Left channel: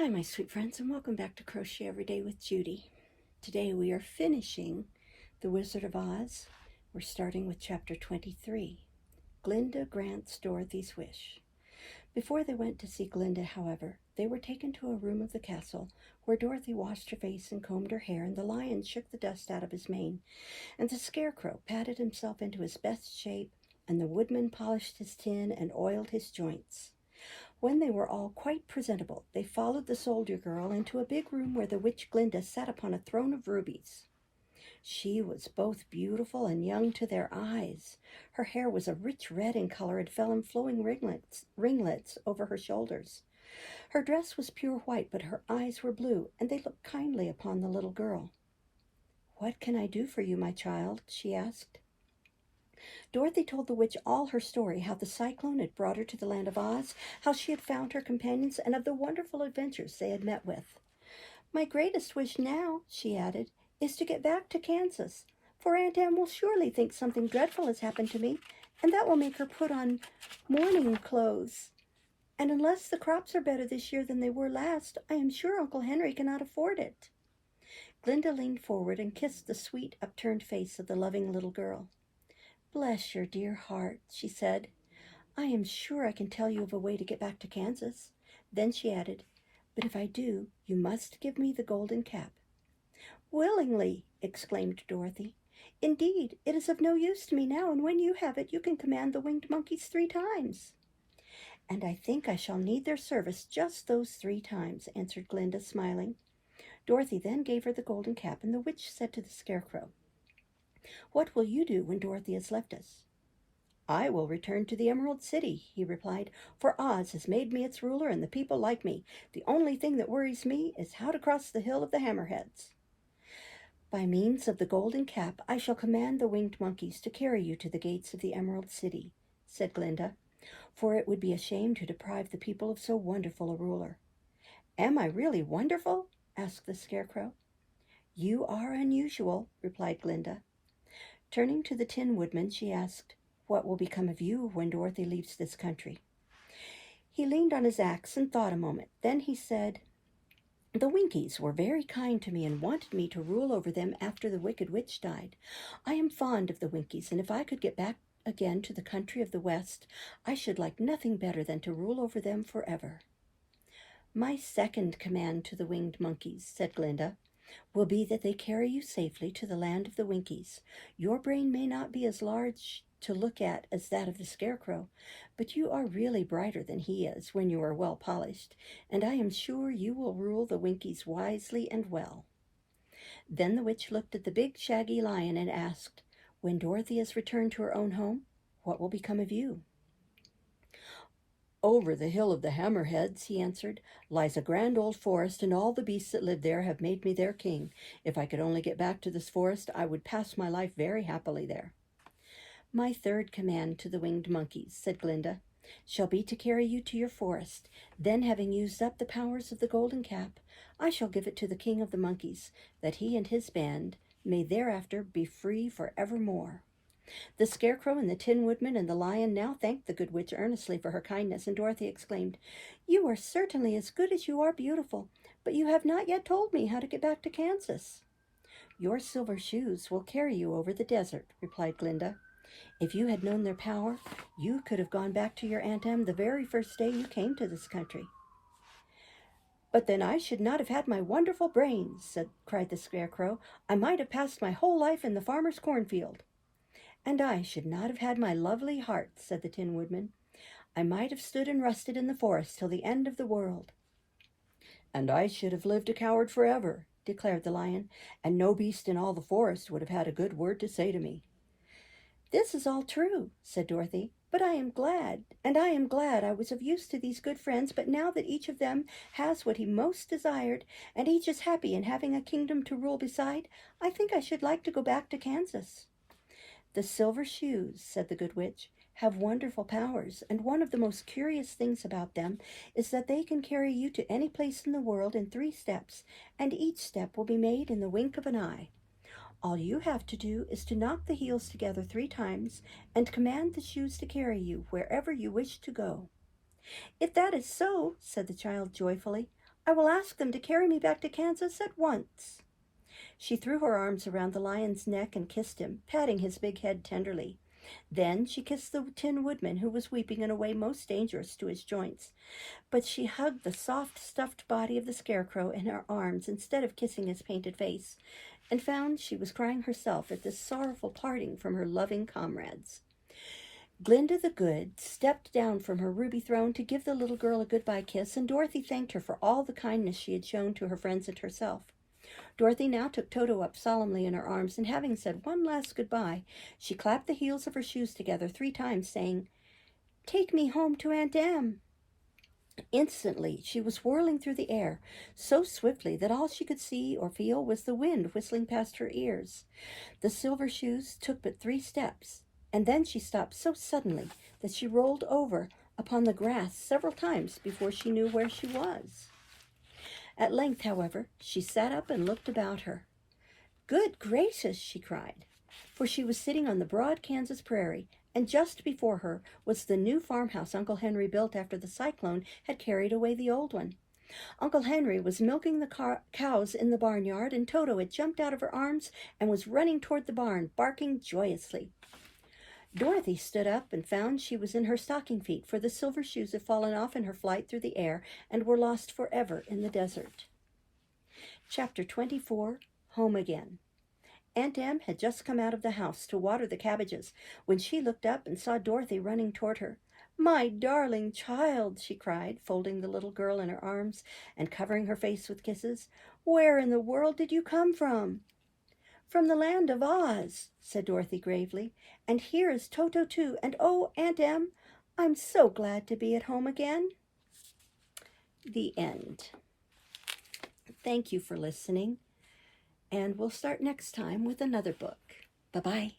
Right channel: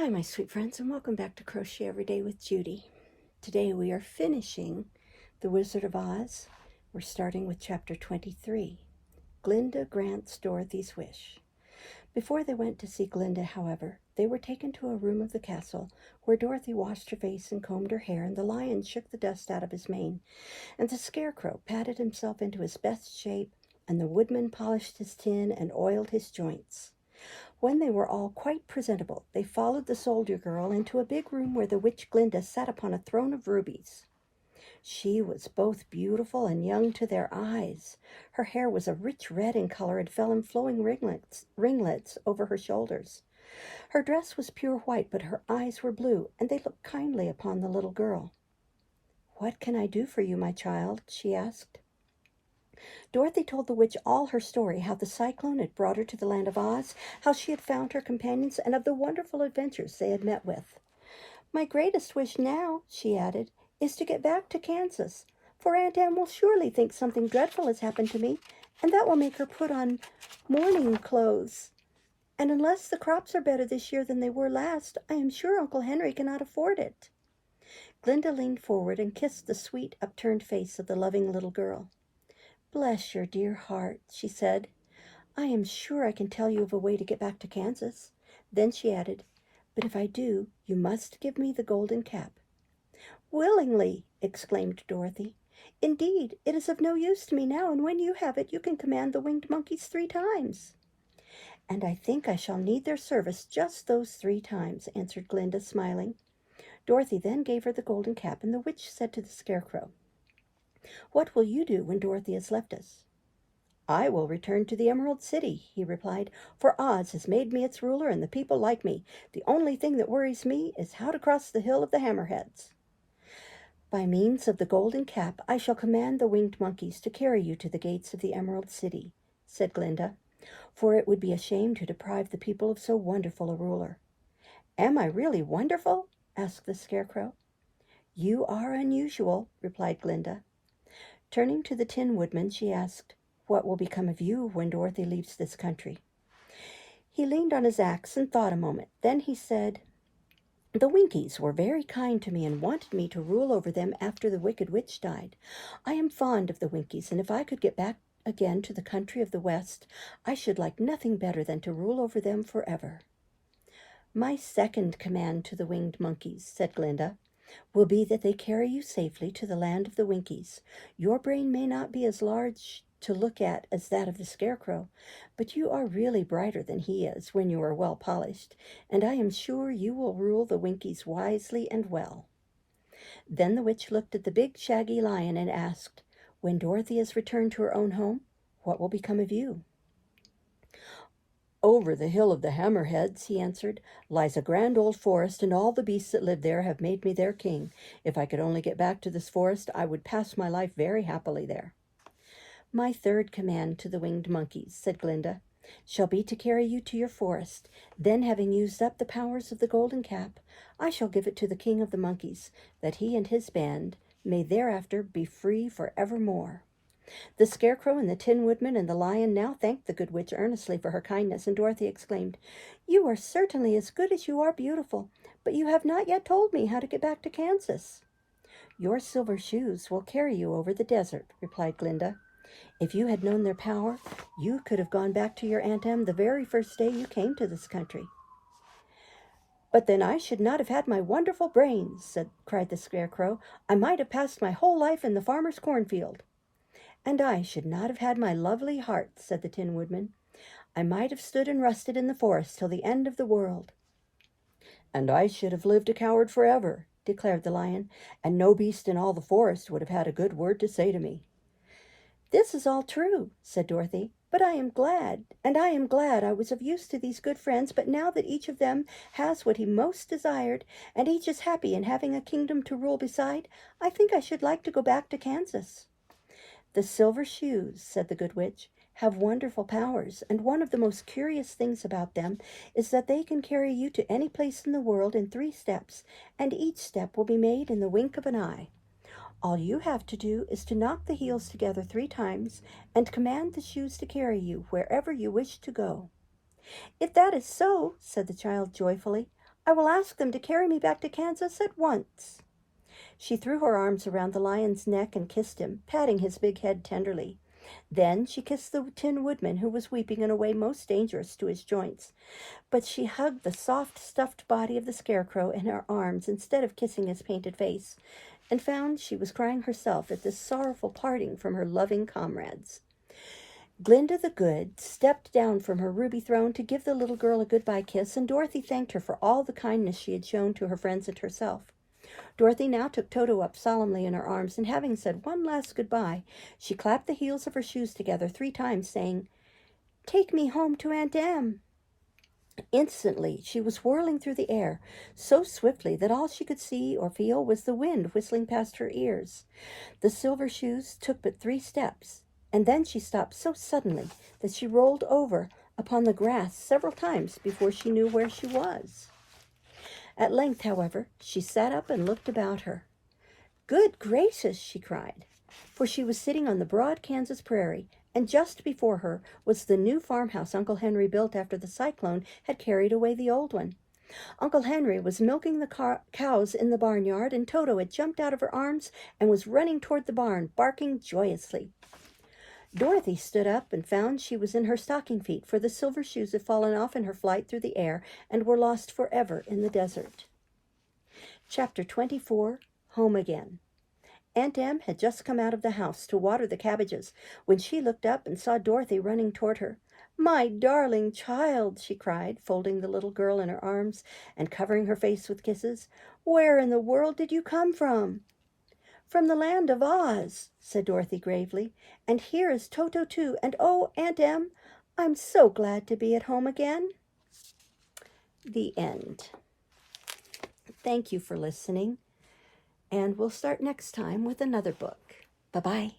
Hi, my sweet friends, and welcome back to Crochet Every Day with Judy. Today we are finishing The Wizard of Oz. We're starting with Chapter 23, Glinda Grants Dorothy's Wish. Before they went to see Glinda, however, they were taken to a room of the castle where Dorothy washed her face and combed her hair, and the lion shook the dust out of his mane, and the Scarecrow patted himself into his best shape, and the woodman polished his tin and oiled his joints. When they were all quite presentable, they followed the soldier girl into a big room where the witch Glinda sat upon a throne of rubies. She was both beautiful and young to their eyes. Her hair was a rich red in color and fell in flowing ringlets over her shoulders. Her dress was pure white, but her eyes were blue, and they looked kindly upon the little girl. "What can I do for you, my child?" she asked. Dorothy told the witch all her story, how the cyclone had brought her to the land of Oz, how she had found her companions, and of the wonderful adventures they had met with. "My greatest wish now," she added, "is to get back to Kansas, for Aunt Anne will surely think something dreadful has happened to me, and that will make her put on mourning clothes. And unless the crops are better this year than they were last, I am sure Uncle Henry cannot afford it." Glinda leaned forward and kissed the sweet, upturned face of the loving little girl. "Bless your dear heart," she said. "I am sure I can tell you of a way to get back to Kansas." Then she added, "But if I do, you must give me the golden cap." "Willingly," exclaimed Dorothy. "Indeed, it is of no use to me now, and when you have it, you can command the winged monkeys 3 times. "And I think I shall need their service just those 3 times, answered Glinda, smiling. Dorothy then gave her the golden cap, and the witch said to the Scarecrow, "What will you do when Dorothy has left us?" "I will return to the Emerald City," he replied, "for Oz has made me its ruler and the people like me. The only thing that worries me is how to cross the Hill of the Hammerheads." "By means of the golden cap, I shall command the winged monkeys to carry you to the gates of the Emerald City," said Glinda, "for it would be a shame to deprive the people of so wonderful a ruler." "Am I really wonderful?" asked the Scarecrow. "You are unusual," replied Glinda. Turning to the Tin Woodman, she asked, "What will become of you when Dorothy leaves this country?" He leaned on his axe and thought a moment. Then he said, "The Winkies were very kind to me and wanted me to rule over them after the Wicked Witch died. I am fond of the Winkies, and if I could get back again to the country of the West, I should like nothing better than to rule over them forever." "My second command to the winged monkeys," said Glinda, "will be that they carry you safely to the land of the Winkies. Your brain may not be as large to look at as that of the Scarecrow, but you are really brighter than he is when you are well polished, and I am sure you will rule the Winkies wisely and well." Then the witch looked at the big shaggy lion and asked, "When Dorothy has returned to her own home, what will become of you?" "Over the Hill of the Hammerheads," he answered, "lies a grand old forest, and all the beasts that live there have made me their king. If I could only get back to this forest, I would pass my life very happily there." "My third command to the winged monkeys," said Glinda, "shall be to carry you to your forest. Then, having used up the powers of the golden cap, I shall give it to the king of the monkeys, that he and his band may thereafter be free for evermore." The Scarecrow and the Tin Woodman and the Lion now thanked the good witch earnestly for her kindness, and Dorothy exclaimed, "You are certainly as good as you are beautiful, but you have not yet told me how to get back to Kansas." "Your silver shoes will carry you over the desert," replied Glinda. "If you had known their power, you could have gone back to your Aunt Em the very first day you came to this country." "But then I should not have had my wonderful brains," cried the Scarecrow. "I might have passed my whole life in the farmer's cornfield." "And I should not have had my lovely heart," said the Tin Woodman. "I might have stood and rusted in the forest till the end of the world." "And I should have lived a coward forever," declared the Lion, "and no beast in all the forest would have had a good word to say to me." "This is all true," said Dorothy, "but I am glad I was of use to these good friends, but now that each of them has what he most desired, and each is happy in having a kingdom to rule beside, I think I should like to go back to Kansas." "The silver shoes," said the good witch, "have wonderful powers, and one of the most curious things about them is that they can carry you to any place in the world in 3 steps, and each step will be made in the wink of an eye. All you have to do is to knock the heels together 3 times and command the shoes to carry you wherever you wish to go." "If that is so," said the child joyfully, I will ask them to carry me back to Kansas at once." She threw her arms around the lion's neck and kissed him, patting his big head tenderly. Then she kissed the Tin Woodman, who was weeping in a way most dangerous to his joints. But she hugged the soft, stuffed body of the Scarecrow in her arms instead of kissing his painted face, and found she was crying herself at this sorrowful parting from her loving comrades. Glinda the Good stepped down from her ruby throne to give the little girl a goodbye kiss, and Dorothy thanked her for all the kindness she had shown to her friends and herself. Dorothy now took Toto up solemnly in her arms, and having said one last goodbye, she clapped the heels of her shoes together 3 times, saying, "Take me home to Aunt Em." Instantly she was whirling through the air, so swiftly that all she could see or feel was the wind whistling past her ears. The silver shoes took but 3 steps, and then she stopped so suddenly that she rolled over upon the grass several times before she knew where she was. At length, however, she sat up and looked about her. "Good gracious!" she cried, for she was sitting on the broad Kansas prairie, and just before her was the new farmhouse Uncle Henry built after the cyclone had carried away the old one. Uncle Henry was milking the cows in the barnyard, and Toto had jumped out of her arms and was running toward the barn, barking joyously. Dorothy stood up and found she was in her stocking feet, for the silver shoes had fallen off in her flight through the air and were lost forever in the desert. Chapter 24, Home Again. Aunt Em had just come out of the house to water the cabbages when she looked up and saw Dorothy running toward her. "My darling child," she cried, folding the little girl in her arms and covering her face with kisses. "Where in the world did you come from?" "From the land of Oz," said Dorothy gravely, "and here is Toto too, and oh, Aunt Em, I'm so glad to be at home again." The end. Thank you for listening, and we'll start next time with another book. Bye-bye.